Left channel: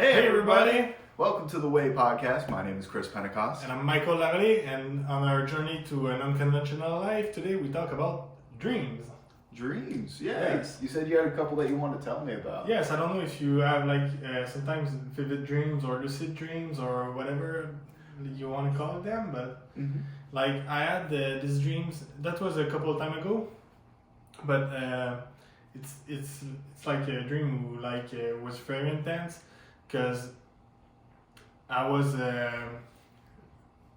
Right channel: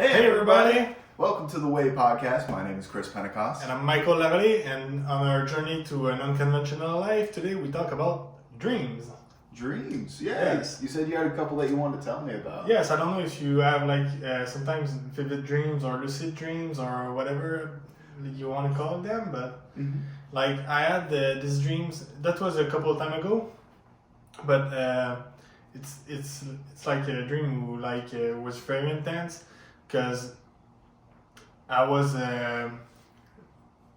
Hey everybody! Welcome to the Way podcast. My name is Chris Pentecost. And I'm Michael Larry, and on our journey to an unconventional life, today we talk about dreams. Dreams, yes. You said you had a couple that you wanted to tell me about. Yes, I don't know if you have sometimes vivid dreams or lucid dreams or whatever you want to call them, but I had these dreams, that was a couple of time ago, but it's like a dream was very intense because I was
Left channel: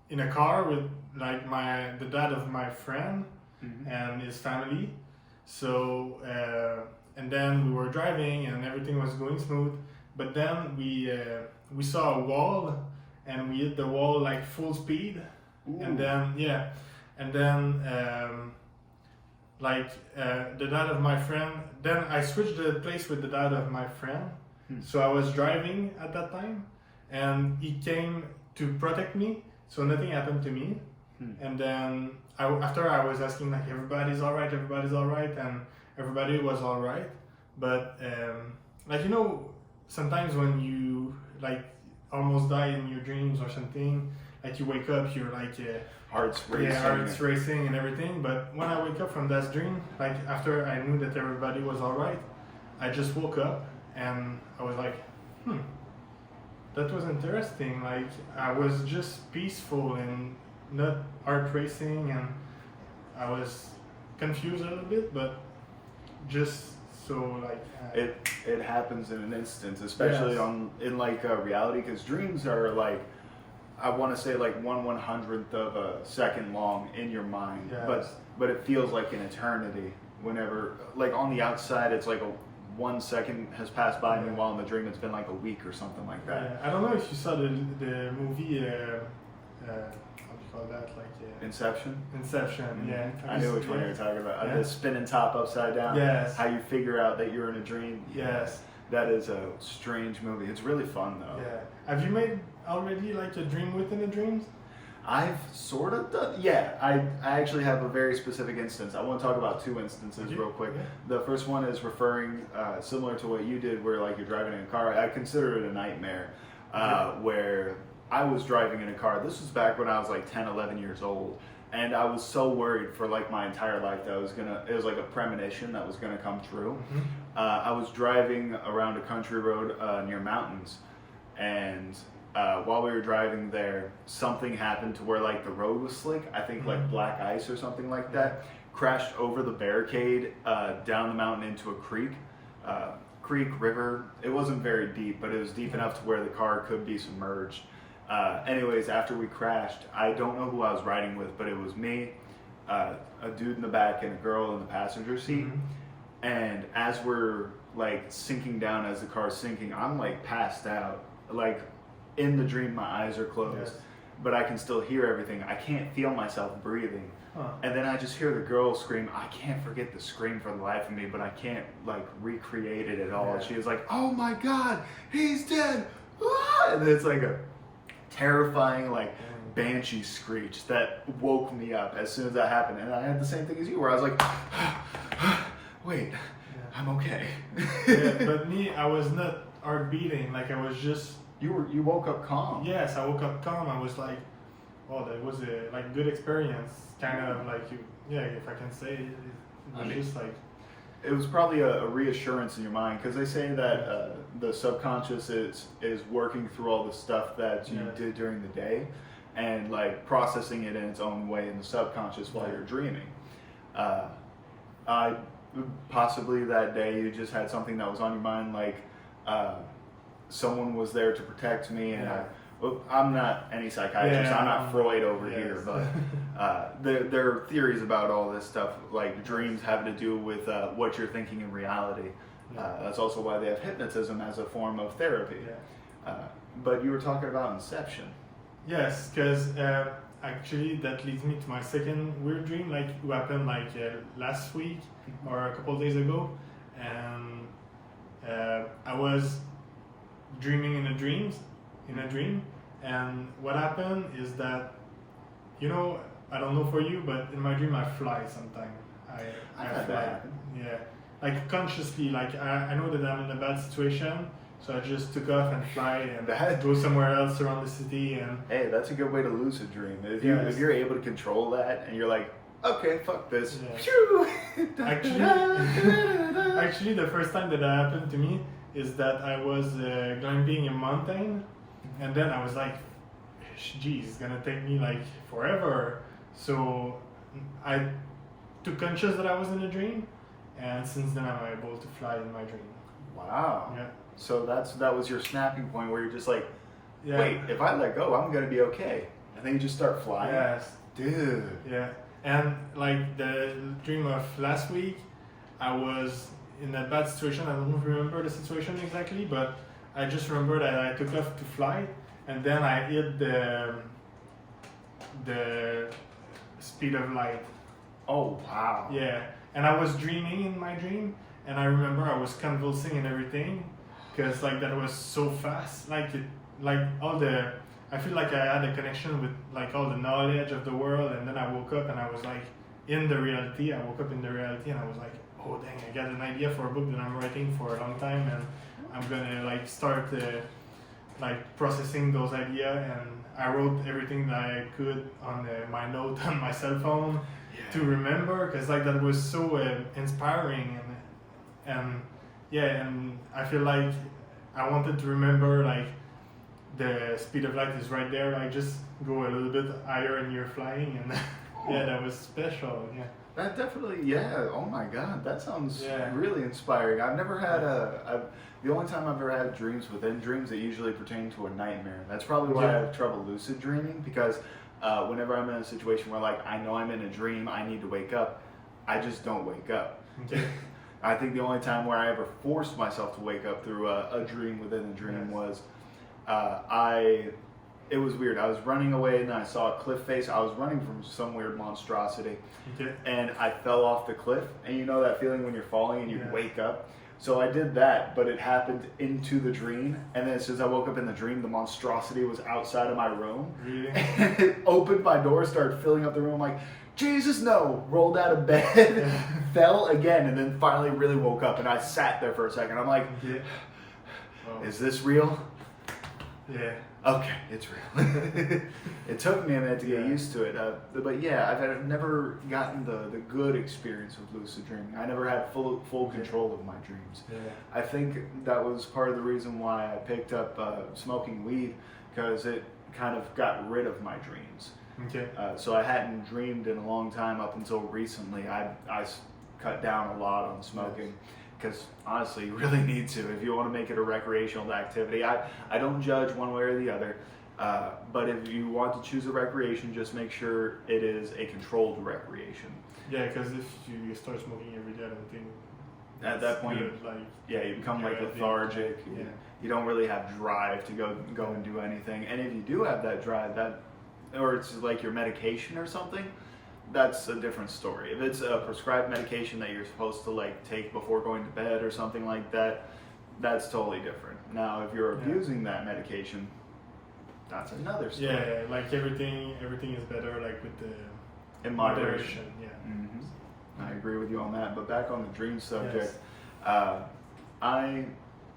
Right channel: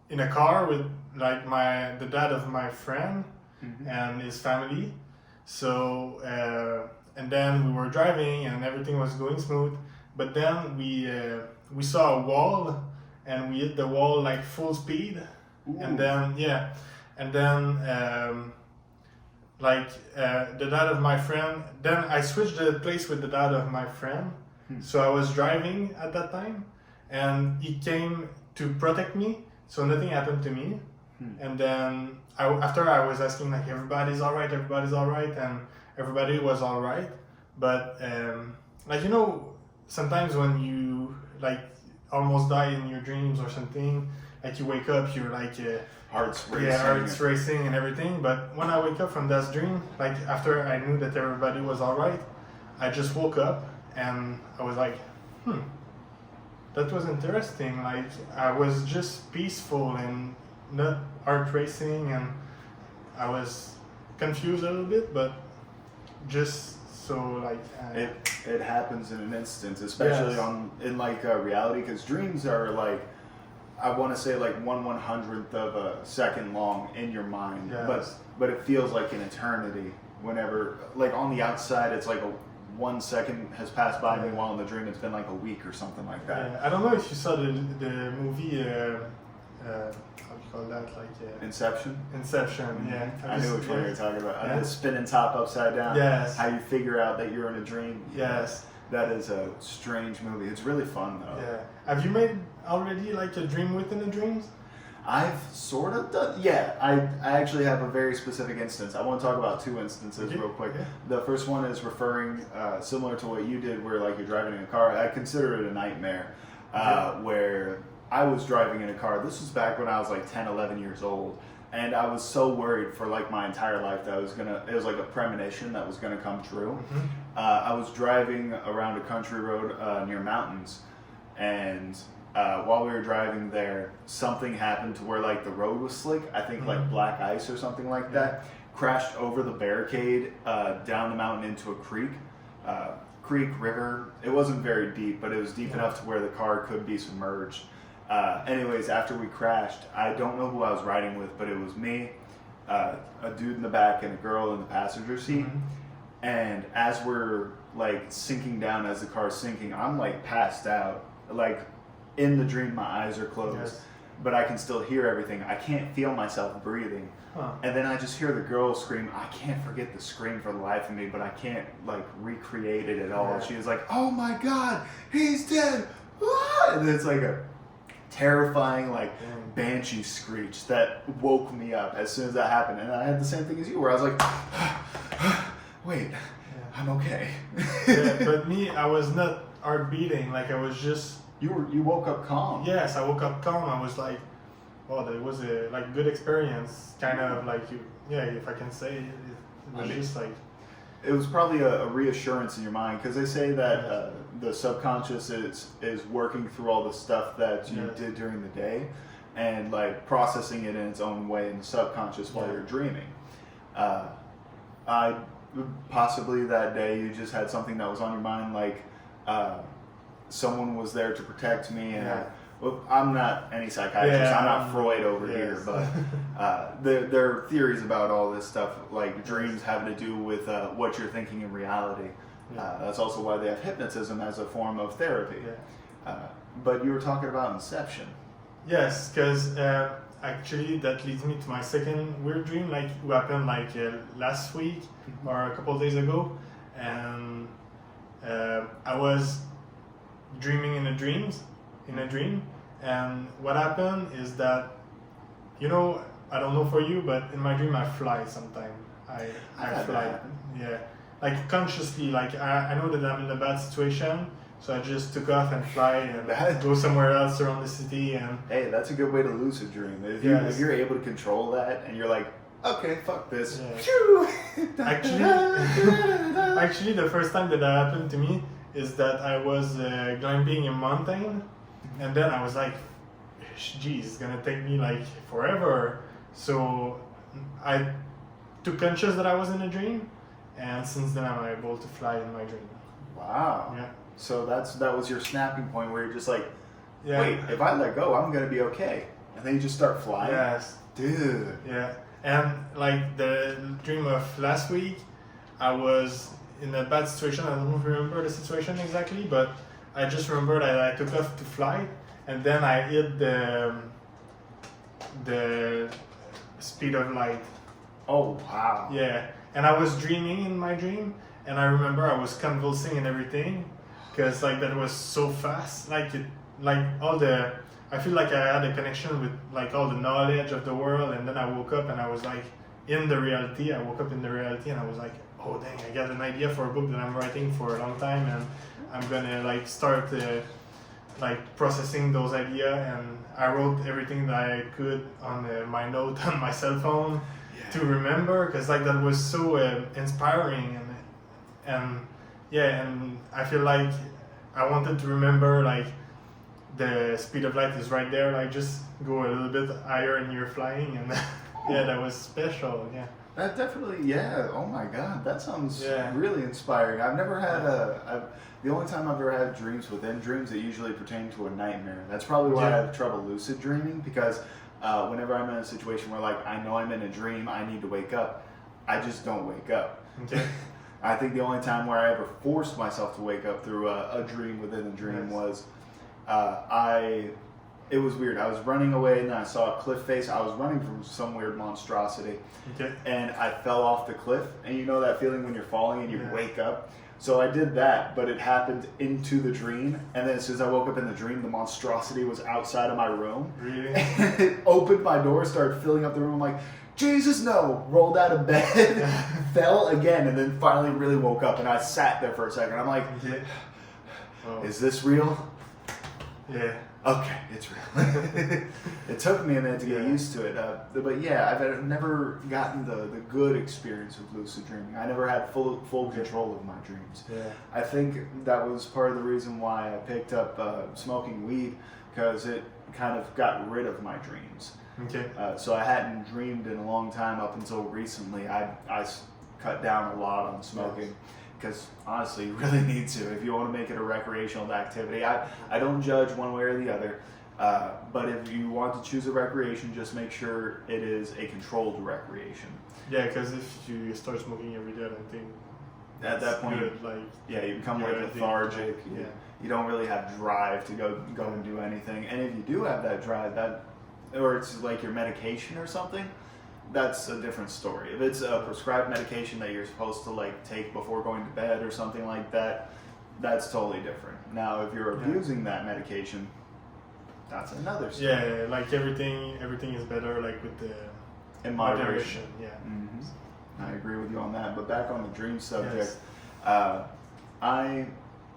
in a car with the dad of my friend and his family. So and then we were driving and everything was going smooth. But then we saw a wall and we hit the wall like full speed. Ooh. And then the dad of my friend. Then I switched the place with the dad of my friend. So I was driving at that time. And he came to protect me, so nothing happened to me. And then after I was asking everybody's all right, and everybody was all right. But sometimes when you almost die in your dreams or something, you wake up, you're heart's racing. Yeah, heart's racing and everything. But when I wake up from that dream, after I knew that everybody was all right, I just woke up and I was like, that was interesting. I was just peaceful and not heart racing, and I was confused a little bit, but just so it happens in an instant, especially in reality, because dreams are I want to say 1/100th of a second long in your mind, but it feels like an eternity. Whenever on the outside, it's 1 second has passed by me, while in the dream it's been a week or something like that. Yeah. I don't know if you saw the movie, how do you call that? Inception? Inception, yeah. I knew which one you were talking about. The spinning top upside down. Yes. How you figure out that you're in a dream. Yes. That is a strange movie. It's really fun though. Yeah. Have you made already a dream within a dream? I've sort of done, yeah. I actually have a very specific instance. I want to talk about 2 instances real quick. Yeah. The first one is referring similar to what you did, where you're driving in a car. I consider it a nightmare, where I was driving in a car. This was back when I was 10, 11 years old, and I was so worried for my entire life that it was a premonition that was gonna come true. I was driving around a country road near mountains, and while we were driving there, something happened to where the road was slick. I think black ice or something like that. Crashed over the barricade down the mountain into a creek, river. It wasn't very deep, but it was deep enough to where the car could be submerged. Anyways, after we crashed, I don't know who I was riding with, but it was me, a dude in the back, and a girl in the passenger seat. And as we're sinking down, as the car's sinking, I'm passed out. In the dream, my eyes are closed, but I can still hear everything. I can't feel myself breathing. And then I just hear the girl scream. I can't forget the scream for the life of me, but I can't recreate it at all. She was like, "Oh my God, he's dead!" And it's a terrifying banshee screech that woke me up as soon as that happened. And I had the same thing as you, where I was like, "Wait, I'm okay." But me, I was not heart beating. I was just. You woke up calm. Yes, I woke up calm. I was like, "Oh, that was a good experience." Kind of if I can say it was just It was probably a reassurance in your mind, because they say that the subconscious is working through all the stuff that you did during the day, and processing it in its own way in the subconscious while you're dreaming. I possibly that day you just had something that was on your mind, someone was there to protect me, and I'm not any psychiatrist. I'm not Freud over here, but there are theories about all this stuff, dreams having to do with what you're thinking in reality. That's also why they have hypnotism as a form of therapy. But you were talking about Inception. Yes, because actually that leads me to my second weird dream, who happened last week or a couple of days ago, and I was dreaming in a dream, and what happened is that, I don't know for you, but in my dream I fly sometimes. I fly. Yeah, like consciously, like I know that I'm in a bad situation, So I just took off and fly and go somewhere else around the city. And hey, that's a good way to lucid dream. If you're able to control that and you're like, okay, fuck this. Yeah. Actually, the first time that happened to me is that I was climbing a mountain, and then I was like, geez, it's gonna take me like forever. So I took conscious that I was in a dream, and since then I'm able to fly in my dream. Wow. Yeah. So that was your snapping point where you're just like, Yeah. wait, if I let go, I'm gonna be okay. And then you just start flying. Yes. Dude. Yeah. And like the dream of last week, I was in a bad situation. I don't remember the situation exactly, but I just remember that I took off to fly, and then I hit the speed of light. Oh wow. Yeah, and I was dreaming in my dream, and I remember I was convulsing and everything, because like that was so fast. I feel like I had a connection with like all the knowledge of the world, and then I woke up and I was like in the reality. I woke up in the reality, and I was like, oh dang, I got an idea for a book that I'm writing for a long time, and I'm gonna like start like processing those ideas. And I wrote everything that I could on my note on my cell phone to remember, because like that was so inspiring, and I feel like I wanted to remember like the speed of light is right there, like just go a little bit higher and you're flying, and yeah, that was special. Yeah. That definitely, yeah. Oh my God, that sounds really inspiring. I've never had the only time I've ever had dreams within dreams that usually pertain to a nightmare. That's probably why I have trouble lucid dreaming, because whenever I'm in a situation where like I know I'm in a dream, I need to wake up, I just don't wake up. Okay. I think the only time where I ever forced myself to wake up through a dream within a dream was it was weird. I was running away and I saw a cliff face. I was running from some weird monstrosity, and I fell off the cliff. And you know that feeling when you're falling and you wake up? So I did that, but it happened into the dream. And then as soon as I woke up in the dream, the monstrosity was outside of my room. Really? And it opened my door, started filling up the room. I'm like, Jesus, no. Rolled out of bed, fell again, and then finally really woke up. And I sat there for a second. I'm like, is this real? Yeah. Okay, it's real. It took me a minute to get used to it. But yeah, I've never gotten the good experience of lucid dreaming. I never had full control of my dreams. Yeah. I think that was part of the reason why I picked up smoking weed, because it kind of got rid of my dreams. Okay. So I hadn't dreamed in a long time up until recently. I cut down a lot on smoking. Because honestly, you really need to if you want to make it a recreational activity. I don't judge one way or the other, but if you want to choose a recreation, just make sure it is a controlled recreation. Yeah, because if you start smoking every day, I don't think at that point, you become like lethargic. You don't really have drive to go and do anything. And if you do have that drive, or it's like your medication or something, that's a different story. If it's a prescribed medication that you're supposed to like take before going to bed or something like that, that's totally different. Now, if you're abusing that medication, that's another story. Yeah, like everything is better like with the in moderation. Yeah. Mm-hmm. I agree with you on that. But back on the dream subject, I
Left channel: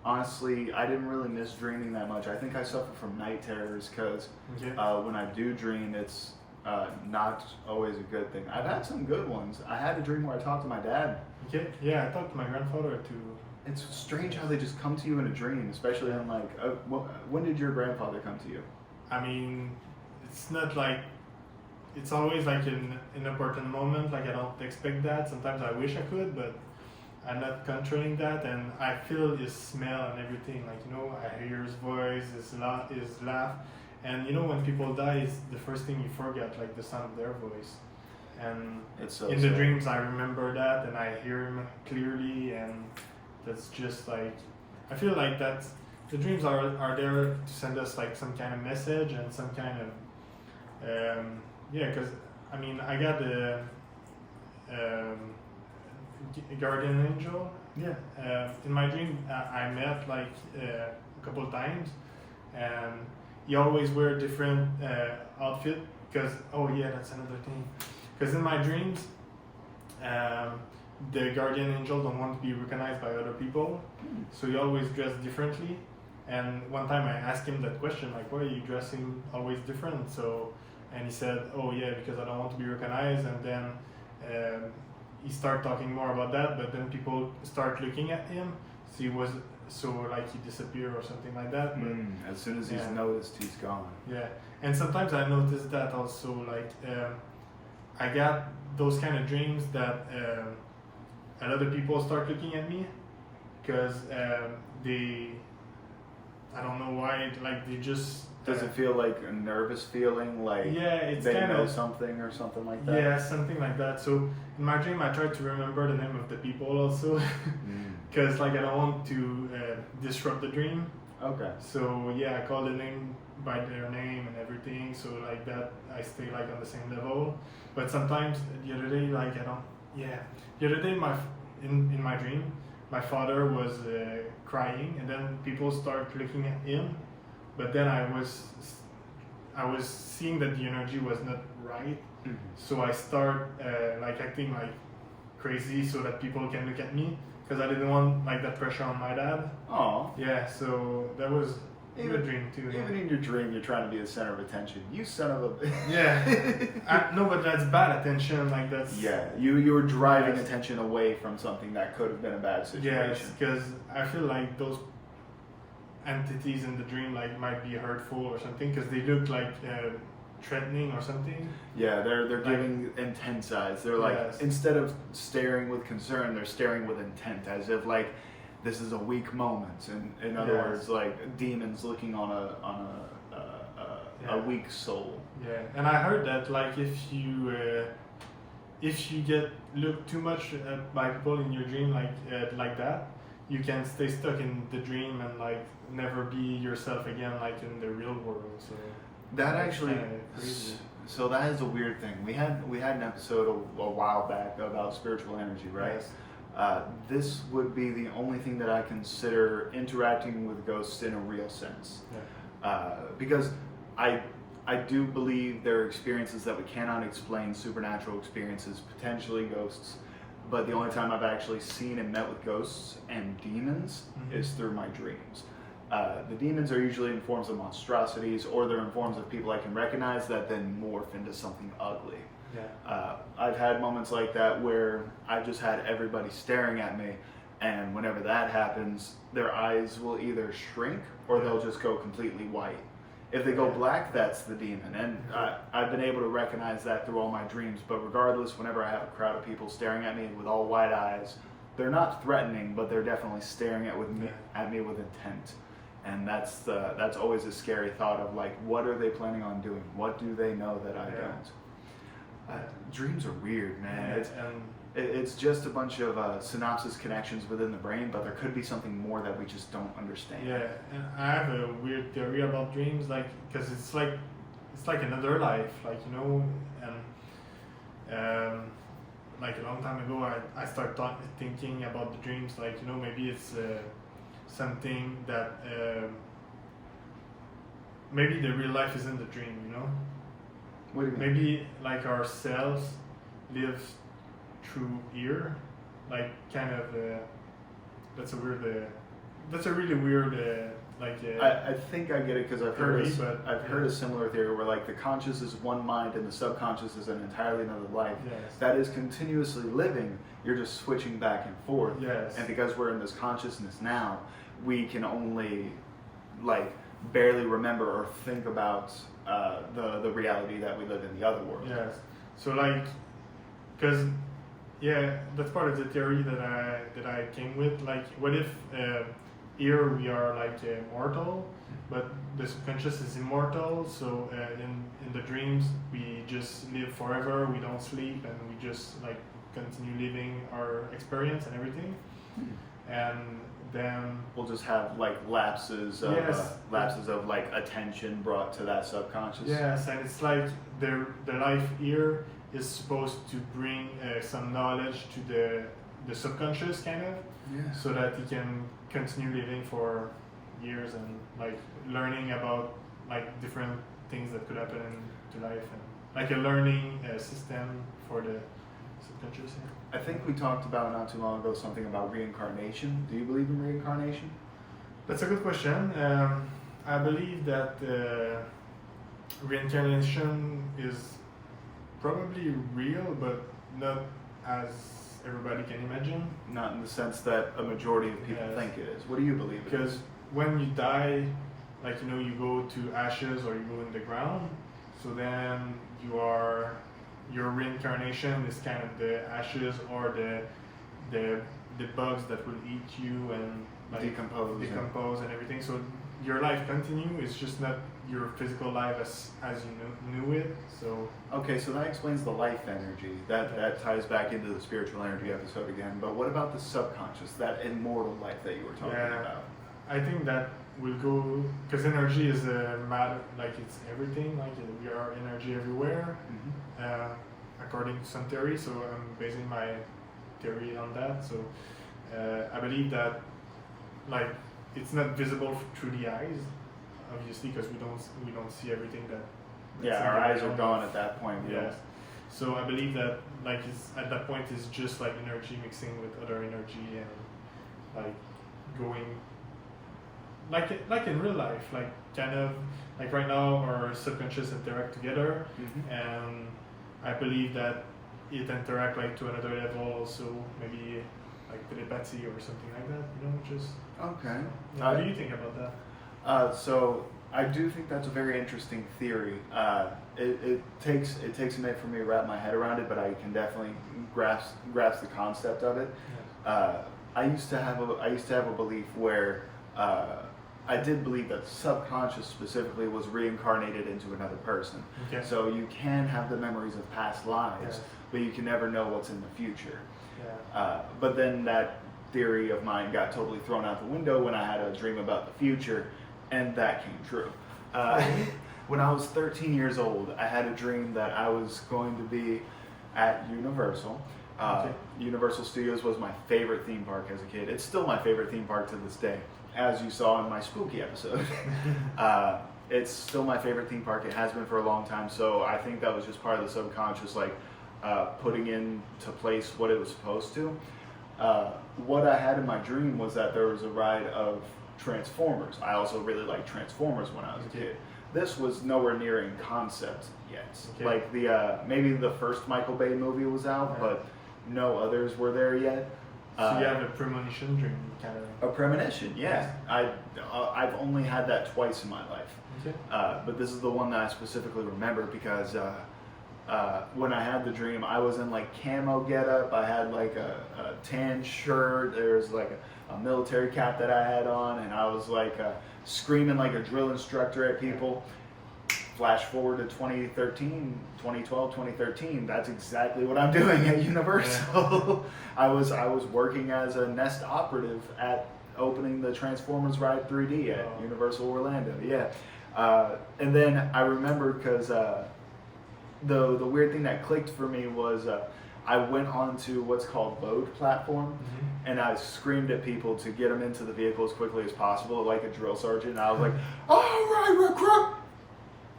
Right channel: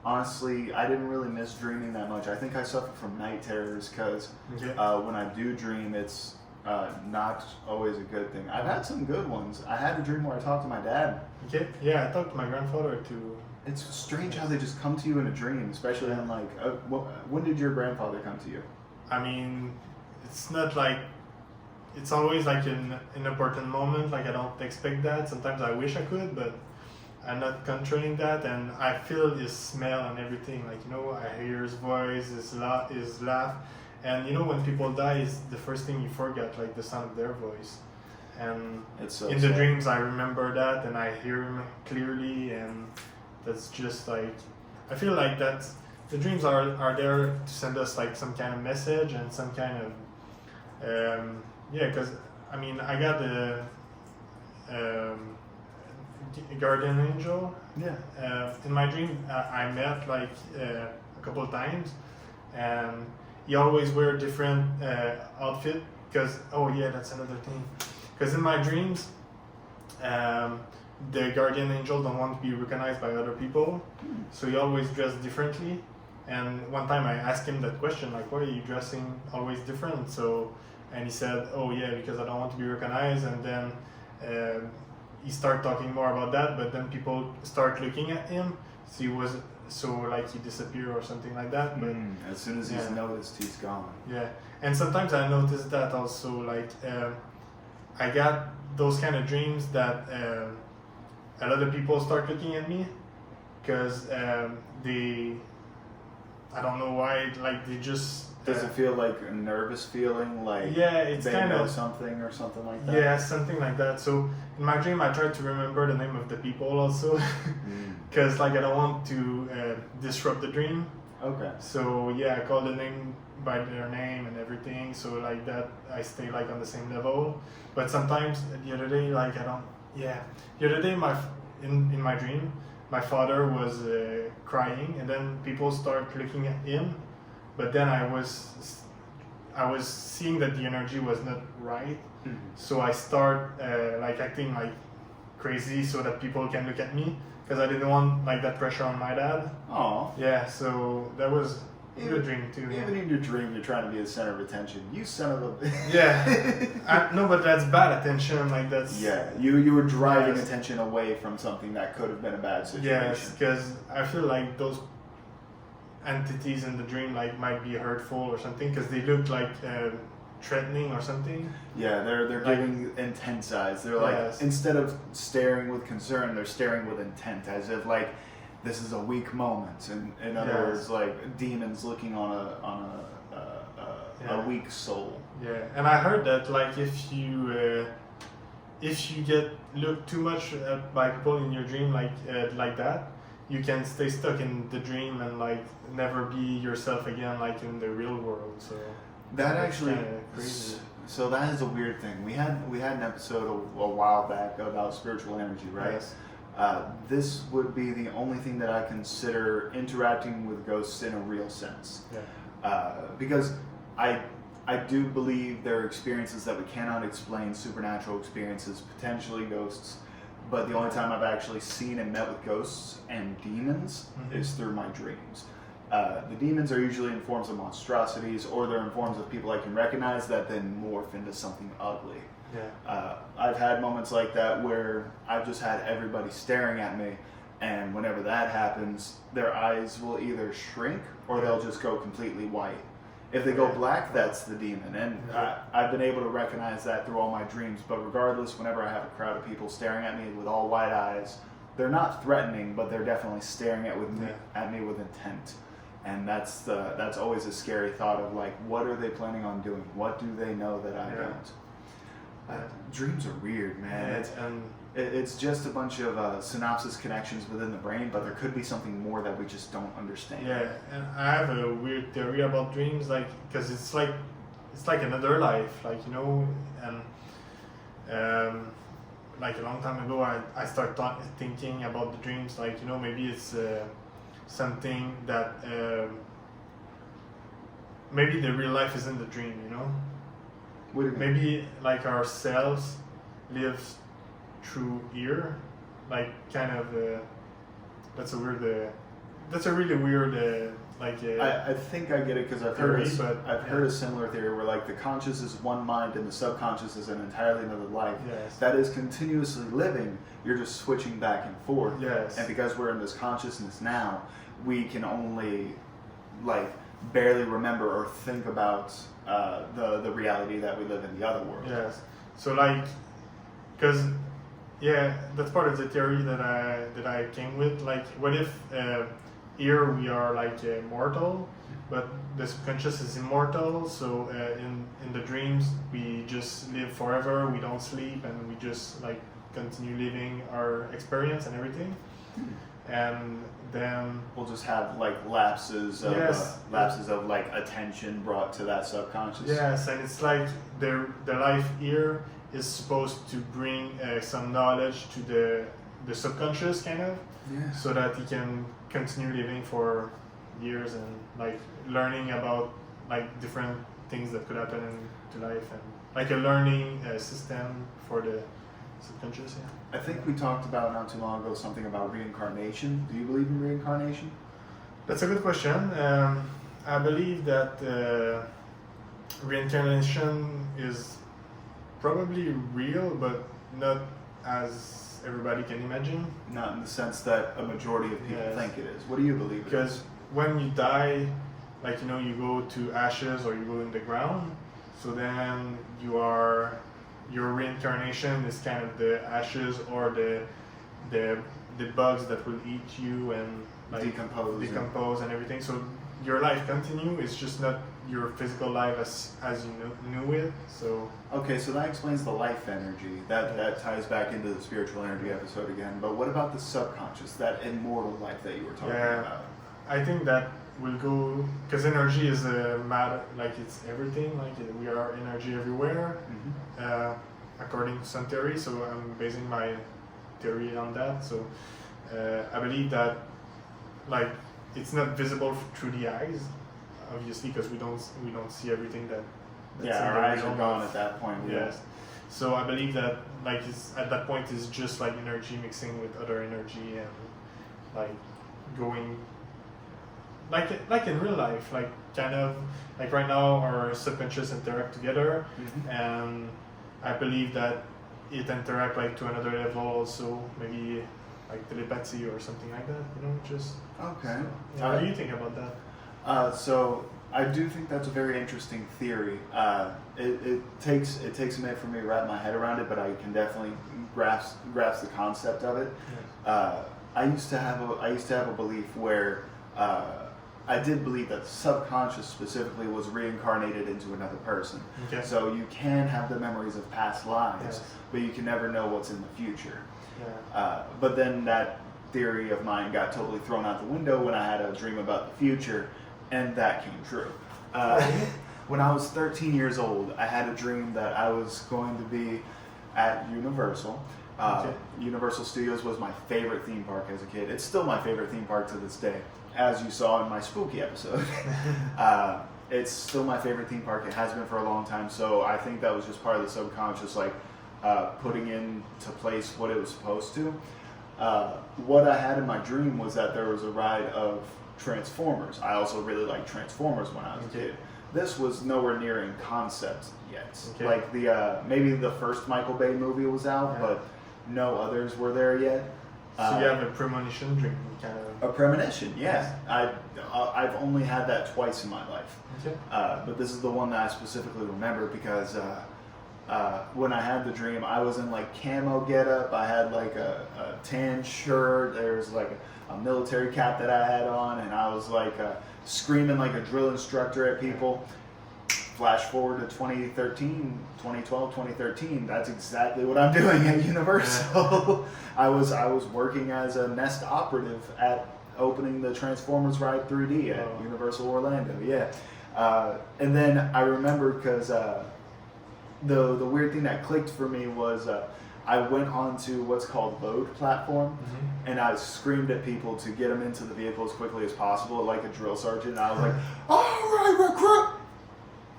honestly didn't really miss dreaming that much. I think I suffer from night terrors because when I do dream, it's not always a good thing. I've had some good ones. I had a dream where I talked to my dad. Okay. Yeah, I talked to my grandfather too. It's strange how they just come to you in a dream, especially on like. When did your grandfather come to you? I mean, it's not like. It's always like in an important moment. Like I don't expect that. Sometimes I wish I could, but I'm not controlling that, and I feel his smell and everything. Like I hear his voice, his laugh. And when people die, is the first thing you forget, like the sound of their voice. And it's so in the dreams, I remember that, and I hear him clearly, and that's just like, I feel like that the dreams are there to send us like some kind of message and some kind of, because I mean, I got a guardian angel. Yeah. In my dream, I met like a couple of times, and he always wear different outfit because that's another thing. Because in my dreams, the guardian angel don't want to be recognized by other people, so he always dress differently. And one time I asked him that question, like, why are you dressing always different? And he said, oh yeah, because I don't want to be recognized. And then he started talking more about that, but then people start looking at him. So he disappeared or something like that. But as soon as he's noticed, he's gone. Yeah, and sometimes I notice that also, like, I got those kind of dreams that a lot of people start looking at me because I don't know why, like they just. Does it feel like a nervous feeling, like it's they kind know of something or something like that? Yeah, something like that. So in my dream, I try to remember the name of the people also, because like I don't want to disrupt the dream. Okay. So yeah, I call the name by their name and everything. So like that, I stay like on the same level. But sometimes the other day, like I don't. Yeah, the other day, in my dream, my father was crying, and then people start looking at him. But then I was seeing that the energy was not right, so I start like acting like crazy so that people can look at me because I didn't want like that pressure on my dad. Oh. Yeah, so that was a good dream too. Even in your dream, you're trying to be the center of attention. You son of a. Yeah. No, but that's bad attention. Like that's. Yeah, you were driving attention away from something that could have been a bad situation. Yes, because I feel like those entities in the dream like might be hurtful or something because they look like threatening or something. Yeah, they're giving intense eyes. They're like instead of staring with concern, they're staring with intent, as if like this is a weak moment. And in other words, like demons looking on a weak soul. Yeah, and I heard that like if you get looked too much at by people in your dream like that, you can stay stuck in the dream and like never be yourself again like in the real world. So that actually so that is a weird thing. We had an episode a while back about spiritual energy, right? Yes. This would be the only thing that I consider interacting with ghosts in a real sense. Yeah. Because I do believe there are experiences that we cannot explain, supernatural experiences, potentially ghosts. But the only time I've actually seen and met with ghosts and demons is through my dreams. The demons are usually in forms of monstrosities, or they're in forms of people I can recognize that then morph into something ugly. Yeah. I've had moments like that where I've just had everybody staring at me, and whenever that happens, their eyes will either shrink or they'll just go completely white. If they go black, that's the demon. And I've been able to recognize that through all my dreams. But regardless, whenever I have a crowd of people staring at me with all wide eyes, they're not threatening, but they're definitely staring at me with intent. And that's always a scary thought of like, what are they planning on doing? What do they know that I don't? Dreams are weird, man. It's just a bunch of synapses connections within the brain, but there could be something more that we just don't understand. Yeah, and I have a weird theory about dreams, like because it's like another life, like you know, and like a long time ago, I started thinking about the dreams, like you know, maybe it's something that maybe the real life isn't the dream, you know. What do you mean? Maybe like ourselves lives through here, like kind of that's a really weird I think I get it because I've heard a similar theory where like the conscious is one mind and the subconscious is an entirely another life that is continuously living. You're just switching back and forth. Yes. And because we're in this consciousness now, we can only like barely remember or think about the reality that we live in the other world. Yes. So like, because that's part of the theory that I came with. Like, what if here we are like mortal, but the subconscious is immortal. So in the dreams we just live forever. We don't sleep, and we just like continue living our experience and everything. And then we'll just have like lapses of like attention brought to that subconscious. Yes, and it's like the life here is supposed to bring some knowledge to the subconscious, kind of, so that he can continue living for years and like learning about like different things that could happen to life, and like a learning system for the subconscious. I think we talked about not too long ago something about reincarnation. Do you believe in reincarnation? That's a good question. I believe that reincarnation is probably real, but not as everybody can imagine. Not in the sense that a majority of people Yes. think it is. What do you believe it Because is? when you die, like you go to ashes or you go in the ground, so then your reincarnation is kind of the ashes or the bugs that will eat you and like decompose and everything. So your life continue. It's just not your physical life as you knew it. So Okay, so that explains the life energy. That ties back into the spiritual energy episode again. But what about the subconscious, that immortal life that you were talking about? I think that will go because energy is a matter, like it's everything. Like we are energy everywhere, according to some theory. So I'm basing my theory on that. So I believe that like it's not visible through the eyes, obviously, because we don't see everything that's Yeah, in our the eyes are realm gone of- at that point. Yes. So I believe that like it's at that point is just like energy mixing with other energy and like going like in real life, like kind of like right now our subconscious interact together, and I believe that it interact like to another level also, maybe like telepathy or something like that. Just Okay. so, yeah, what do you think about that? So I do think that's a very interesting theory. It takes a minute for me to wrap my head around it, but I can definitely grasp the concept of it. I used to have a belief where I did believe that the subconscious specifically was reincarnated into another person. Okay. So you can have the memories of past lives, Yes. but you can never know what's in the future. Yeah. But then that theory of mine got totally thrown out the window when I had a dream about the future, and that came true. When I was 13 years old, I had a dream that I was going to be at Universal. Universal Studios was my favorite theme park as a kid. It's still my favorite theme park to this day, as you saw in my spooky episode. It's still my favorite theme park. It has been for a long time, so I think that was just part of the subconscious, like putting into place what it was supposed to. What I had in my dream was that there was a ride of Transformers. I also really liked Transformers when I was a kid. This was nowhere near in concept yet. Okay. Like the maybe the first Michael Bay movie was out, but no others were there yet. So you have a premonition dream, kind of. A premonition, yeah. I've only had that twice in my life. Okay. But this is the one that I specifically remember because when I had the dream, I was in like camo getup. I had like a tan shirt. There was like a military cap that I had on, and I was like screaming like a drill instructor at people. Flash forward to 2013, 2012, 2013. That's exactly what I'm doing at Universal. I was working as a Nest operative at opening the Transformers ride 3D at Universal Orlando. Yeah, and then I remember because the weird thing that clicked for me was I went onto what's called load platform, and I screamed at people to get them into the vehicle as quickly as possible, like a drill sergeant. And I was like, "All right, recruit."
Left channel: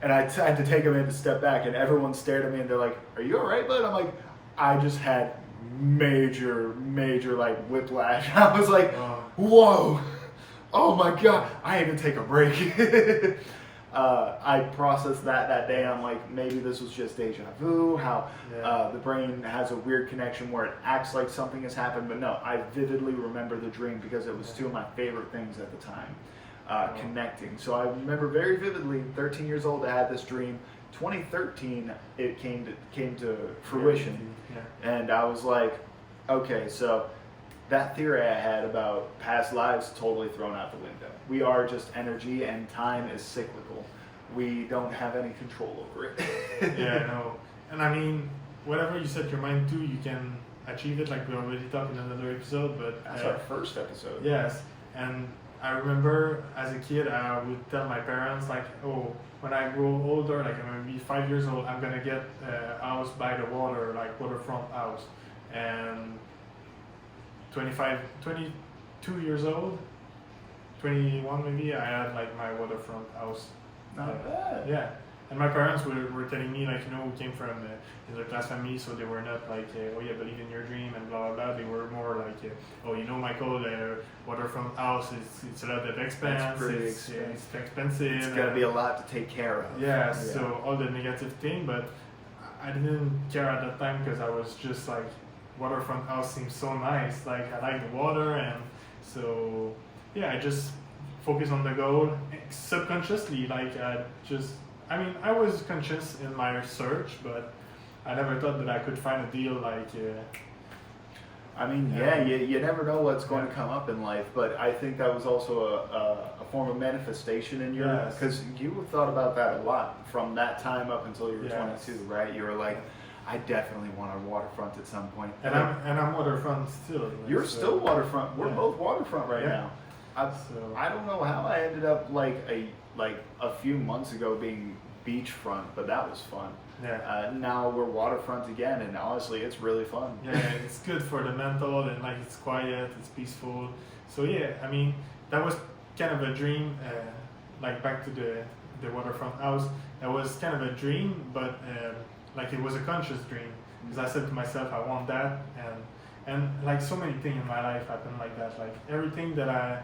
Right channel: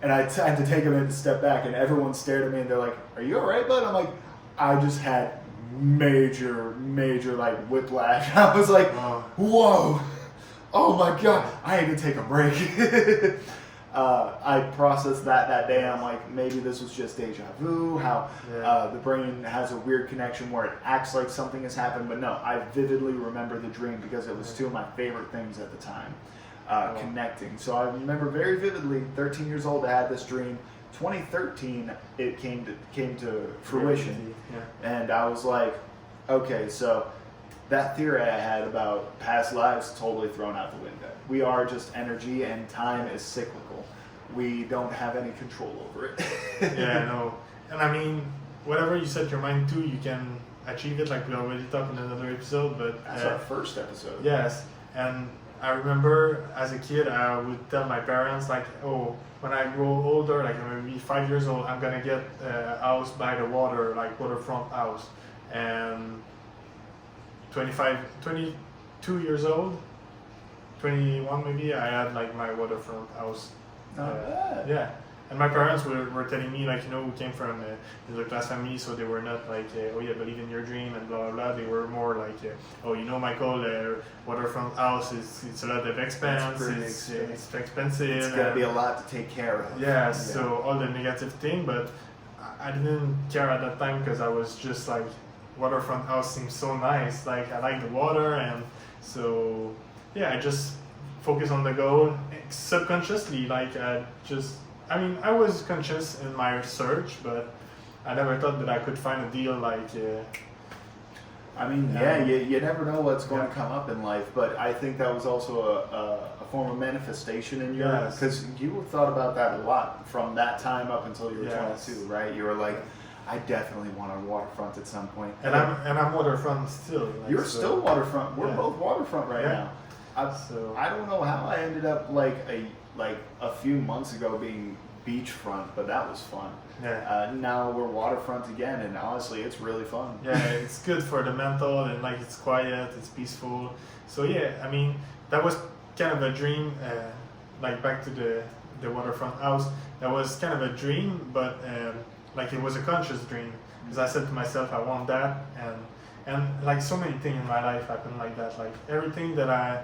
And I had to take a minute to step back, and everyone stared at me, and they're like, "Are you all right, bud?" I'm like, I just had major like whiplash. I was like, "Whoa, oh my god, I need to take a break." I processed that day. I'm like, maybe this was just deja vu. How the brain has a weird connection where it acts like something has happened, but no, I vividly remember the dream because it was two of my favorite things at the time. Connecting. So I remember very vividly, 13 years old, I had this dream. 2013, it came to fruition, and I was like, okay, so that theory I had about past lives totally thrown out the window. We are just energy, and time is cyclical. We don't have any control over it. Yeah, I know. And I mean, whatever you set your mind to, you can achieve it. Like we already talked in another episode, but that's our first episode. Yes, and I remember as a kid, I would tell my parents like, "Oh, when I grow older, like I'm gonna be 5 years old, I'm gonna get a house by the water, like waterfront house." And 22 years old, 21 maybe, I had like my waterfront house. Not bad. Yeah, and my parents were telling me like, we came from a middle class family, so they were not like, oh yeah, believe in your dream and blah blah blah. They were more like, oh, Michael, waterfront house it's a lot of expense. It's pretty expensive. It's expensive. It's gonna be a lot to take care of. Yeah. So all the negative thing, but I didn't care at that time because I was just like, waterfront house seems so nice. Like I like the water, and so yeah, I just focus on the goal subconsciously. Like I was conscious in my search, but I never thought that I could find a deal like. You never know what's going to come up in life, but I think that was also a form of manifestation in your, because you thought about that a lot from that time up until you were 22, right? You were like, I definitely want a waterfront at some point. And I'm waterfront still. Like, you're still waterfront. We're both waterfront right now. I don't know how I ended up like a few months ago being beachfront, but that was fun. Yeah. Now we're waterfront again, and honestly, it's really fun. Yeah, it's good for the mental, and like it's quiet, it's peaceful. So yeah, that was kind of a dream. Like back to the waterfront house, that was kind of a dream, but like it was a conscious dream, because I said to myself, I want that, and like so many things in my life happen like that. Like everything that I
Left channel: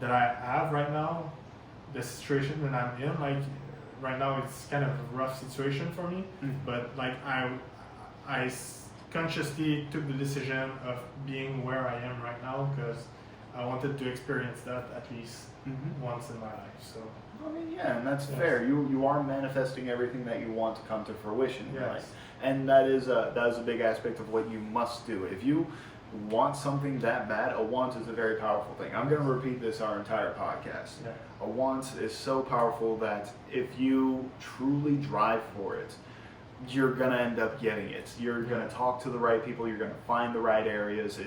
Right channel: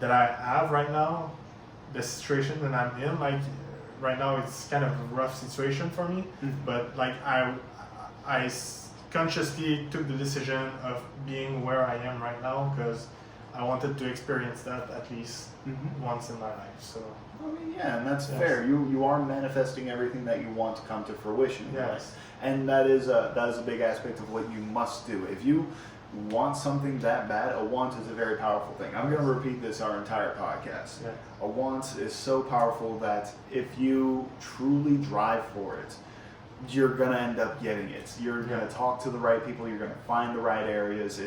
have right now, the situation that I'm in, like. Right now it's kind of a rough situation for me, but like I consciously took the decision of being where I am right now because I wanted to experience that at least once in my life. So and that's fair. You are manifesting everything that you want to come to fruition in life, and that is a big aspect of what you must do. If you want something that bad, a want is a very powerful thing. I'm going to repeat this our entire podcast. Yeah. A want is so powerful that if you truly drive for it, you're going to end up getting it. You're going to talk to the right people. You're going to find the right areas.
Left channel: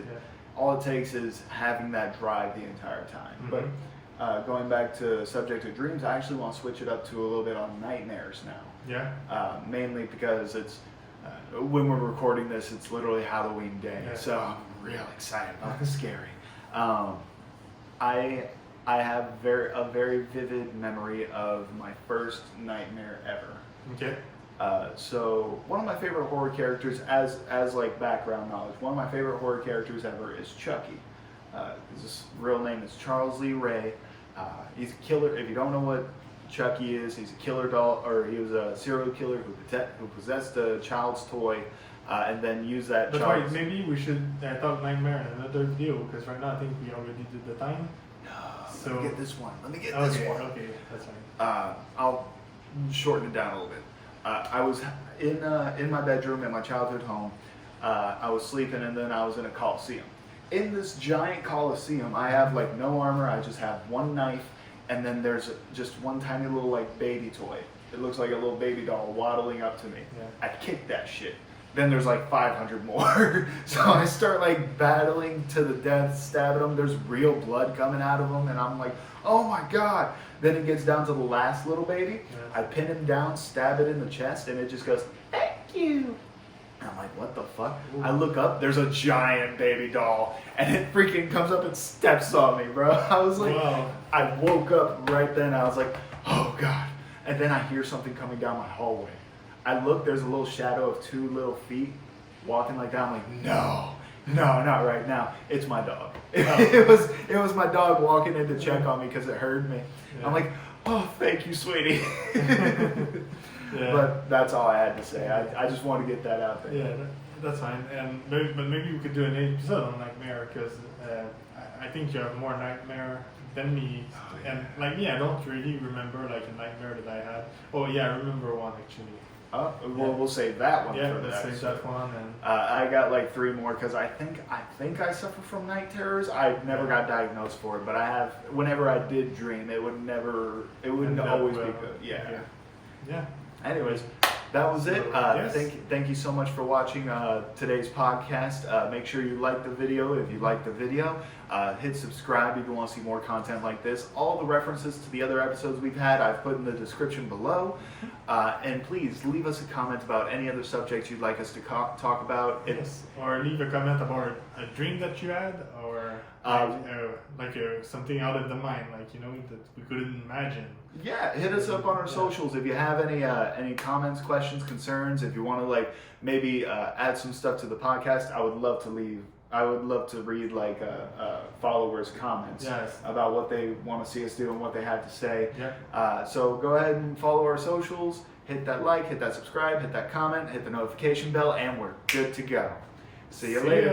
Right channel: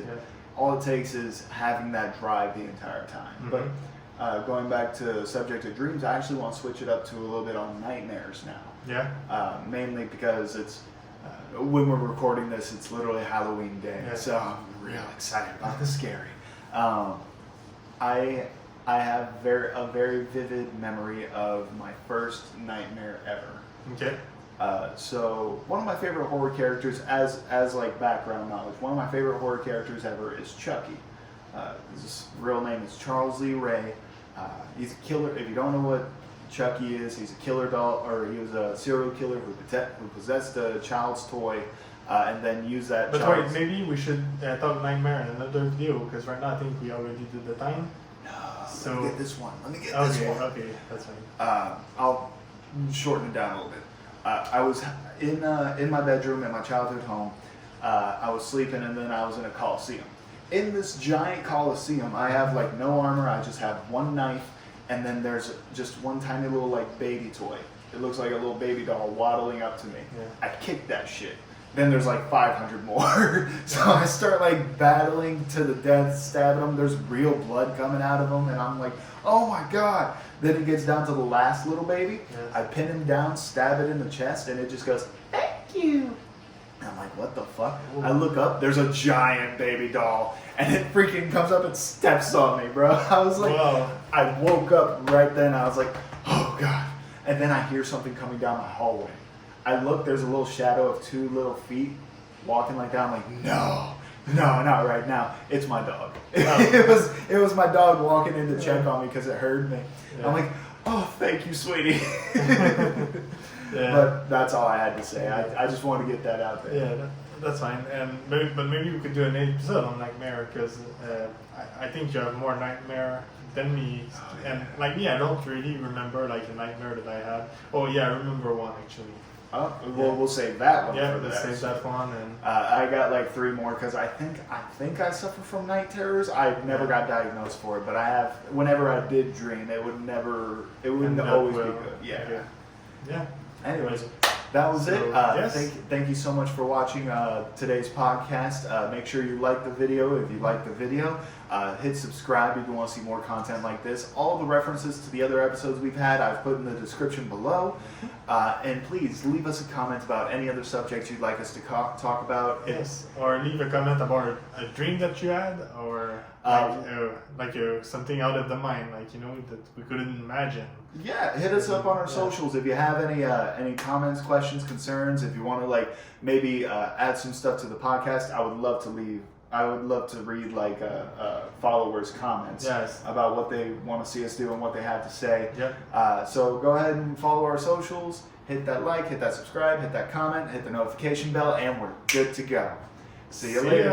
All it takes is having that drive the entire time. But going back to the subject of dreams, I actually want to switch it up to a little bit on nightmares now. Yeah. Mainly because it's when we're recording this, it's literally Halloween day, so I'm real excited about the scary. I have a very vivid memory of my first nightmare ever. Okay. So one of my favorite horror characters, as like background knowledge, one of my favorite horror characters ever is Chucky. His real name is Charles Lee Ray. He's a killer. If you don't know what Chucky is, he's a killer doll, or he was a serial killer who possessed a child's toy, and then used that. But wait, maybe we should talk nightmare in another video, because right now I think we already did the time. No, let me get this one. This one. Okay, that's fine. I'll shorten it down a little bit. I was in my bedroom in my childhood home. I was sleeping, and then I was in a coliseum. In this giant coliseum, I have like no armor. I just have one knife. And then there's just one tiny little like baby toy. It looks like a little baby doll waddling up to me. Yeah. I kick that shit. Then there's like 500 more. So I start like battling to the death, stabbing them. There's real blood coming out of them. And I'm like, oh my God. Then it gets down to the last little baby. Yes. I pin him down, stab it in the chest, and it just goes, thank you. And I'm like, what the fuck? Ooh. I look up, there's a giant baby doll, and it freaking comes up and steps on me, bro. I was like, wow. I woke up right then. I was like, oh God. And then I hear something coming down my hallway. I look, there's a little shadow of 2 little feet walking like that. I'm like, no, not right now. It's my dog. Oh. It was my dog walking in to check on me because it heard me. Yeah. I'm like, oh, thank you, sweetie. Yeah. But that's all I had to say. I just want to get that out there. Yeah, that's fine. And maybe we could do an episode on nightmare, because I think you have more nightmare than me. Oh, yeah. And like I don't really remember like a nightmare that I had. Oh yeah, I remember one actually. Oh, we'll save that one. Yeah, for the let's save that one. And I got like 3 more because I think I suffer from night terrors. I never got diagnosed for it, but I have. Whenever I did dream, it wouldn't always be good. Yeah. Anyways, that was it. Yes. Thank you so much for watching today's podcast. Make sure you like the video if you like the video. Hit subscribe if you want to see more content like this. All the references to the other episodes we've had I've put in the description below. And please leave us a comment about any other subjects you'd like us to talk about. Yes, or leave a comment about a dream that you had, or something out of the mind, like that we couldn't imagine. Yeah, hit us up on our socials if you have any comments, questions, concerns. If you want to like maybe add some stuff to the podcast, I would love to read like followers' comments about what they want to see us do and what they have to say. Yep. So go ahead and follow our socials. Hit that like, hit that subscribe, hit that comment, hit the notification bell, and we're good to go. See you later.